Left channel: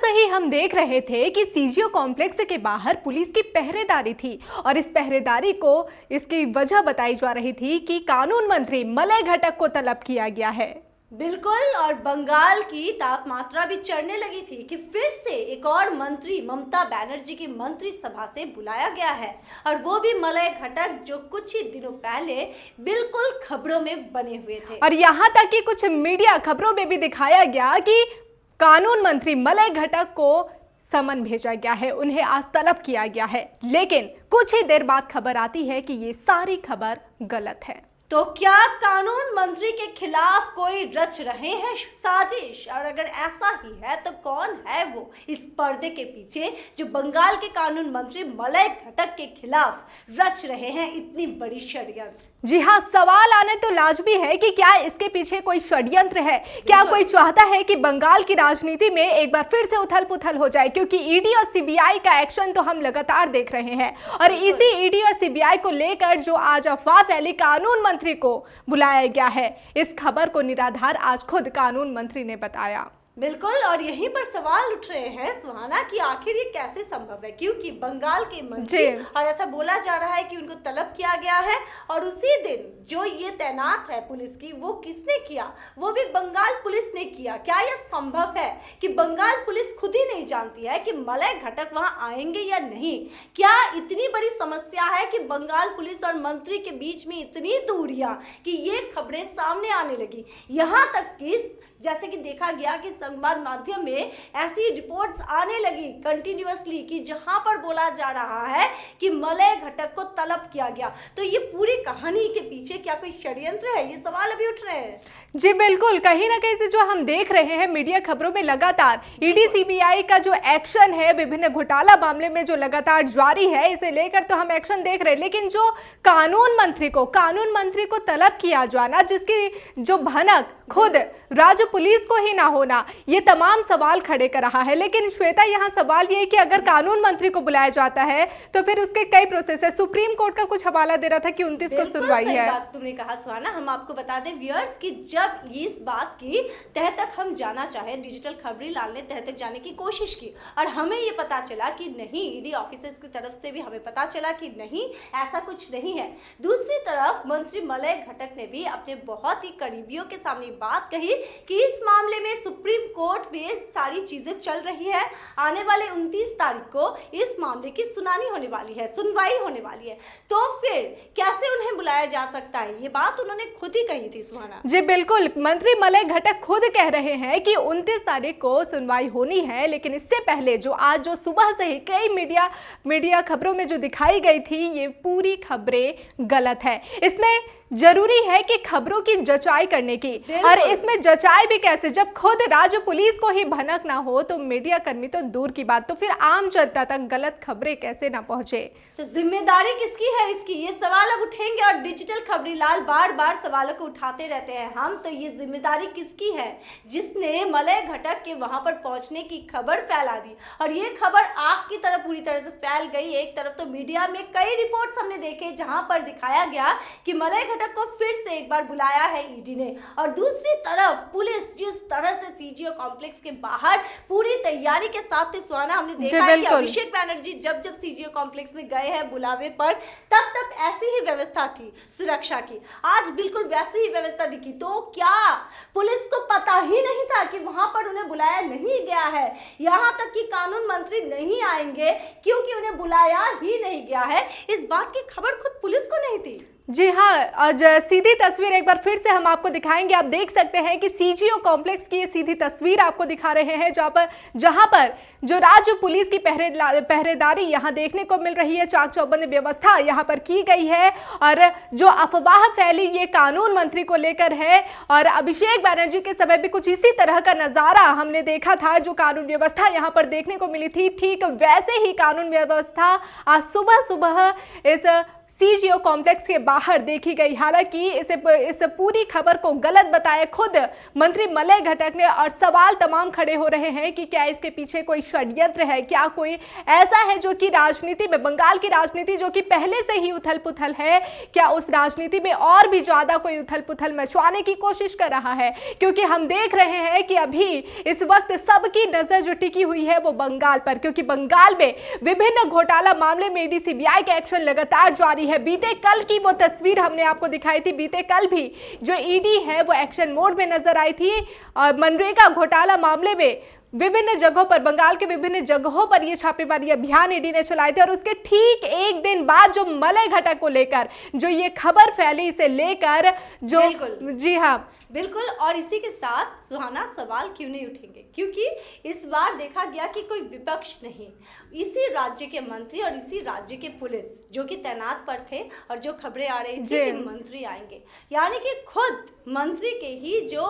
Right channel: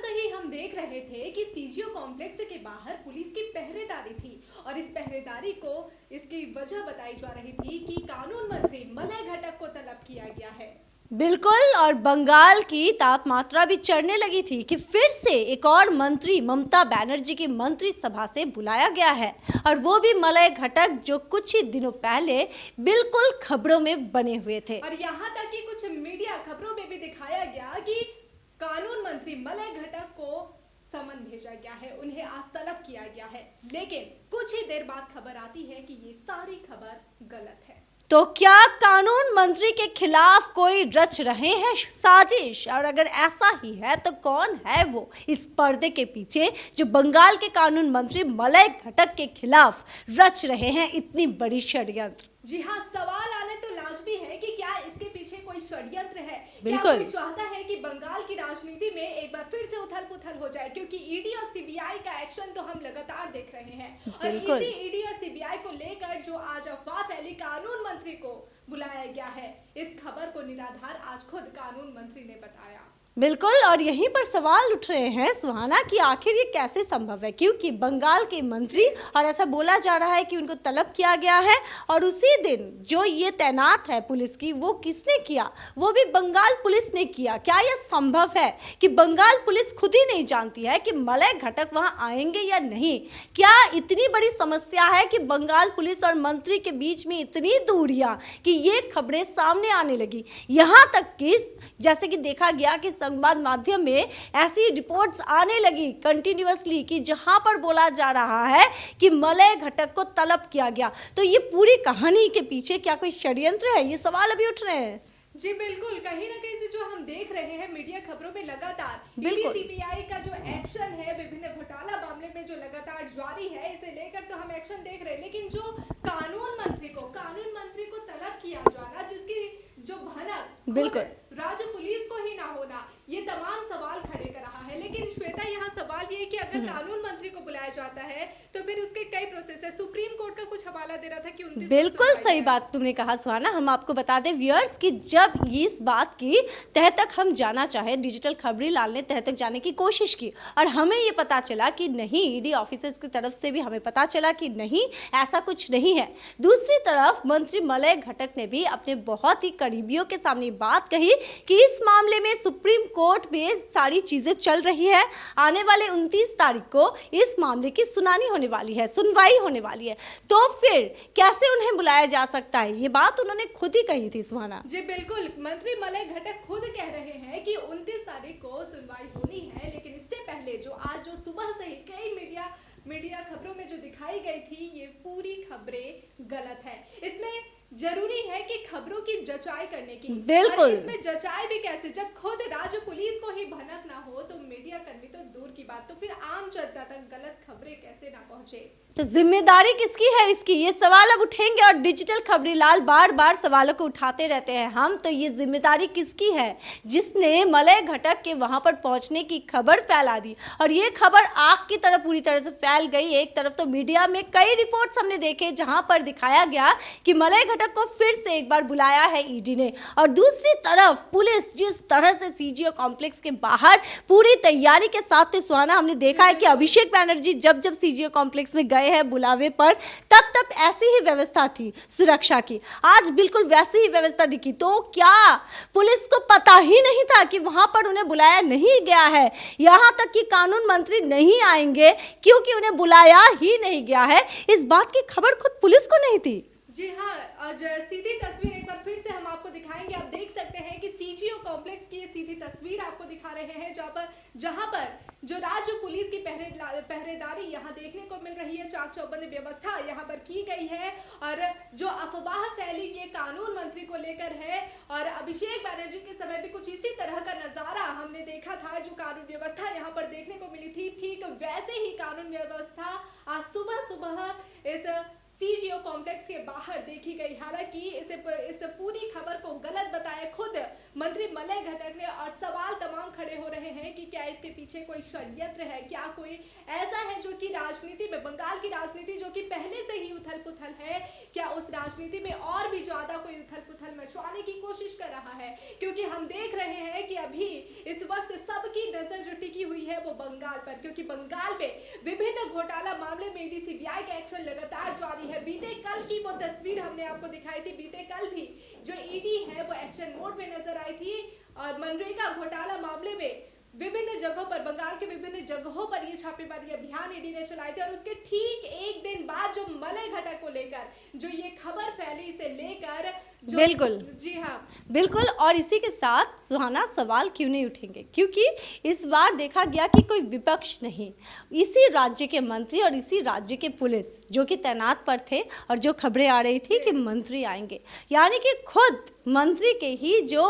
से ही हम देख रहे थे कि सीजीओ कॉम्प्लेक्स के बाहर पुलिस की पहरेदारी थी और इस पहरेदारी को इसकी वजह बताई जा रही थी कि कानून मंत्री मलय घटक को तलब किया गया है। बिल्कुल, और बंगाल की तापमात्रा भी चढ़ने लगी थी कि फिर से एक और मंत्री ममता बनर्जी की मंत्री सभा से बुलाया गया है और वो भी मलय घटक, जो कुछ ही दिनों पहले बिल्कुल खबरों में बने हुए थे। और यहाँ तक कि कुछ मीडिया खबरों में भी दिखाया गया कि कानून मंत्री मलय घटक को समन भेजा गया है, उन्हें आज तलब किया गया है। लेकिन कुछ ही देर बाद खबर आती है कि ये सारी खबर गलत है। तो क्या कानून मंत्री के खिलाफ कोई रच रहे हैं साजिश? और अगर ऐसा ही है तो कौन है वो इस पर्दे के पीछे जो बंगाल के कानून मंत्री मलय घटक के खिलाफ रच रहे हैं इतनी बड़ी षड्यंत्र? जी हाँ, सवाल आने तो लाजमी है कि क्या इसके पीछे कोई षड्यंत्र है? क्या कोई चाहता है कि बंगाल की राजनीति में एक बार फिर से उथल पुथल हो जाए? क्योंकि ईडी और सीबीआई का एक्शन तो हम लगातार देख रहे हैं और इसी ईडी और सीबीआई को लेकर जो आज अफवाह फैली कानून मंत्री को बुलाया गया है, इस खबर को निराधार आज खुद कानून मंत्री ने बताया। बिल्कुल, और यहीं पर सवाल उठ रहे हैं सुहाना कि आखिर ये कैसे संभव है, क्योंकि बंगाल के मंत्री, और ऐसा बोला जा रहा है कि उनको तलब किया गया है और उसी दिन जो ये तैनात है पुलिस की, वो किसने किया? वो भी बंगाल पुलिस ने किया। क्या यह संभव है कि बंगाल पुलिस खुद ही नहीं जानती है कि मलय घटक वहां आएंगे या नहीं? क्या इतनी बड़ी समस्या है कि बंगाल पुलिस और मंत्री के बीच में इतनी दूरियां कि ये खबरें सामने आने लगी? यहाँ तक कि जैसे कि देखा गया कि संवाद माध्यम में ऐसी रिपोर्ट्स आने लगी कंटिन्यूअसली कि जहां पर बोला जा रहा है कि मलय घटक को तलब किया गया। तो ये पूरी कहानी के पीछे क्या कोई षड्यंत्र है? ये सवाल अभी उठ रहे हैं। जी बिल्कुल, कहीं ना कहीं से जो हम देख रहे हैं मीडिया खबरों में लगातार ईडी सीबीआई का जो एक्शन है विभिन्न घोटाला मामले में जो लगातार जारी है, इसे लेकर तो हम एक्शन देख रहे हैं। लेकिन जो कानून मंत्री को तलब किया जाना, जिसकी जो भनक खुद राज्य पुलिस को ही ना होना, ये तमाम सवाल खड़े कर रहा है। लेकिन श्वेता, यहाँ सवाल ये है कि अगर कानून मंत्री को बुलाया जाता है तो फिर उसके कई प्रोसेस है। सुप्रीम कोर्ट का कुछ हवाला दे रहा था कि 29 को सुनवाई है। सही बात तुमने कहा सुहाना। हम आपको बता दें व्यूअर्स कि जब इस बात की तह तक हम जाना चाहे, डिजिटल खबरें लाने तह तक जाने की कोशिश की और हमें ये पता चला कि नहीं, ईडी ऑफिसर्स की तरफ से भी हमें पता चला कि नहीं, ऐसा कुछ नहीं है। दूसरी तरफ मंत्री मलय घटक ने भी अपने बहुत ही करीबियों के सामने बात कही कि इस मामले में सुप्रीम कोर्ट में सारी चीजें चल रही है। आने वाले 29 तारीख को इस मामले की सुनवाई होने वाली है। तो फिर कैसे उन्हें बुलाया जा सकता है? ये बात उन्होंने खुद ही कही थी सुहाना। जी बिल्कुल, मंत्री मलय घटक खुद कह रहे हैं कि 29 तारीख को सुनवाई होनी है। लेकिन इससे पहले जो सुबह से ही कई मीडिया खबरों में जो दिखाई गई थी, ये पूरी खबरें गलत है। इसमें जरूरी है कि खबरों की जचाई करने की, और इसमें जचाई भी कैसे? जब खुद राज्य पुलिस को ही भनक ना हो तो मीडिया कर्मी तो दूर की बात, तो फिर आम जनता तक गलत खबरें कैसे ना पहुंचे? तो जिम्मेदारी किसकी है इसकी? ये सवाल अब उठेंगे और डिजिटल खबरी लाल बार बार सवालों को उठाते रहते हैं हम। तो ये जिम्मेदारी किसकी है जिसने मलय घटक के वहां पर पहुंचने की खबर फैला दी? और ये खबर आग की तरह पूरी तरह से फैल गई। एक तरफ तो मीडिया में कई रिपोर्ट्स हमने देखे जहां पर दिखाया गया कि मलय घटक को फिर से एक बार बुलाया है ईडी ने, और दूसरी तरफ पुलिस जिस तरह से सीजीओ कॉम्प्लेक्स के बाहर पूरी तैयारी के साथ थे सुहाना, हमने देखा है कि अभिषेक बनर्जी जब सीजीओ कॉम्प्लेक्स में गए हैं बुलावे पर, तब ऐसी ही व्यवस्था थी सुरक्षा की। आज बिल्कुल वैसी ही व्यवस्था दिखी। तो क्या पुलिस को पता ही नहीं था कि वहां पर उन्हें बुलाया नहीं गया है? यहां तक कि कानून मंत्री नहीं आएंगे क्योंकि उन्हें बुलाया ही नहीं गया है, इस बात की खबर खुद पुलिस को नहीं थी। जी हाँ, आज सीधी तस्वीर एक बार फिर से हम आपको दिखाएंगे। आप देख सकते हैं कि सीजीओ कॉम्प्लेक्स की ये सीधी तस्वीर आपको दिखा रहे हैं, जहां पर जो राज्य पुलिस की पहरेदारी यहाँ देखने को मिल रही है। चाक चौबंद व्यवस्था यहाँ पर की गई है और जो अफवाह फैली ये कानून मंत्री को लेकर है, और अभिषेक बनर्जी के समय भी कुछ इसी तरह का नजारा हमने देखा था। जो कानून व्यवस्था यहाँ पर देखने को मिली थी, ठीक वैसे ही कानून व्यवस्था आज सुबह इस सीजीओ कॉम्प्लेक्स के बाहर देखी गई। हालांकि इस पूरी खबर को गलत बताया खुद मंत्री मलय घटक ने, और सवाल तमाम खड़े हो रहे हैं कि क्या इसके पीछे कोई षड्यंत्र है, क्या कोई ऐसा है जो कि राजनीति में, बंगाल की राजनीति जो कि पहले से ही उथल पुथल है, क्या उस राजनीति में और भी ज्यादा कोई उथल पुथल मचवाने की कोशिश कर रहा है। क्योंकि हम देख रहे हैं कि अभी इस वक्त सबकी नजर जो टिकी हुई है वो बंगाल पर, क्योंकि बंगाल में विभिन्न घोटाला मामले में ईडी सीबीआई का एक्शन लगातार जारी है। बीते कल की वो तस्वीर हमने आपको दिखाई थी, बीते कल भी जो ईडी है वो एक्शन मोड में नजर आई थी। मनरेगा घोटाला मामले में विभिन्न जगहों पर, बंगाल के विभिन्न जगहों पर ये छापेमारी अभियान ईडी ने चलाए थे, और उसके ठीक एक दिन बाद जो मलय घटक को लेकर जो ये खबर फैली, इसे लेकर जो बिल्कुल, जी हाँ बिल्कुल। और इसी के साथ सुहाना, सवाल क्यों नहीं उठेंगे, क्योंकि इस बार देखा गया कि कोई विपक्ष नहीं, इसी राज्य के मंत्री और इसी राज्य के पुलिस जो कि तैनात पर थे, और जो खबरें आ रही थी कि मंत्री आएंगे, यानी कि खुद मंत्री के ही जो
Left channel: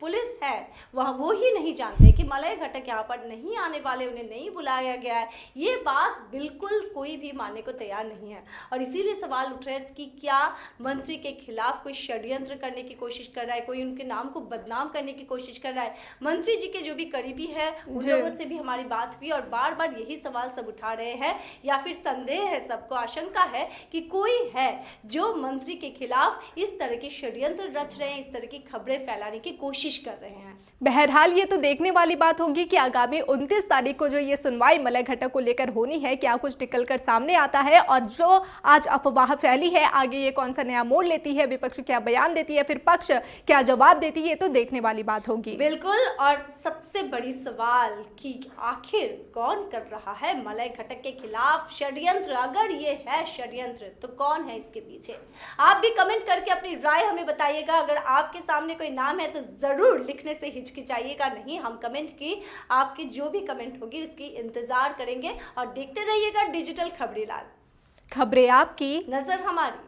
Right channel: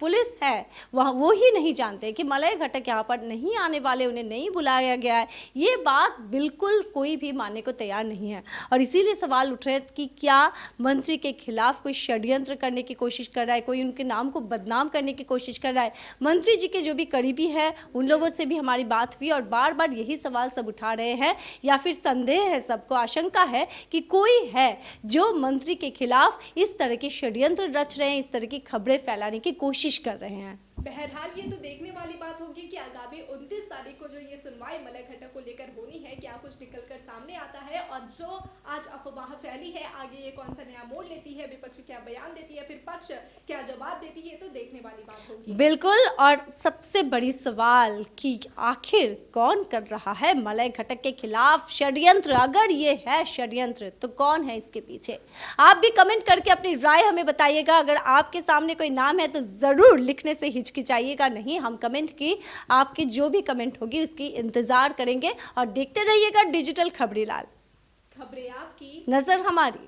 पुलिस है वह वो ही नहीं जानते कि मलय घटक यहाँ पर नहीं आने वाले, उन्हें नहीं बुलाया गया है। ये बात बिल्कुल कोई भी मानने को तैयार नहीं है, और इसीलिए सवाल उठ रहे हैं कि क्या मंत्री के खिलाफ कोई षड्यंत्र करने की कोशिश कर रहा है, कोई उनके नाम को बदनाम करने की कोशिश कर रहा है। मंत्री जी के जो भी करीबी है उन लोगों से भी हमारी बात हुई, और बार बार यही सवाल सब उठा रहे हैं, या फिर संदेह है, सबको आशंका है कि कोई है जो मंत्री के खिलाफ इस तरह के षड्यंत्र रच रहे हैं, इस तरह की खबरें फैलाने की कोशिश कर रहे हैं। बहरहाल ये तो देखने वाली बात होगी कि आगामी 29 तारीख को जो ये सुनवाई मलय घटक को लेकर होनी है, क्या कुछ निकलकर सामने आता है, और जो आज अफवाह फैली है आगे ये कौन सा नया मोड़ लेती है, विपक्ष क्या बयान देती है, फिर पक्ष क्या जवाब देती है, तो देखने वाली बात होगी। बिल्कुल। और सबसे बड़ी सवाल कि आखिर कौन कर रहा है मलय घटक के खिलाफ षड्यंत्र। अगर ये है षड्यंत्र तो कौन है इसके पीछे? आप भी कमेंट करके अपनी राय हमें बताइएगा। अगर आपके सामने कोई नाम है तो जरूर लिखने से हिचकिचाइएगा नहीं, हम कमेंट की आपकी जो भी कमेंट होगी उसकी इंतजार करेंगे, और देखते रहिएगा डिजिटल खबरीलाल। खबरें आपकी, नजर हमारी।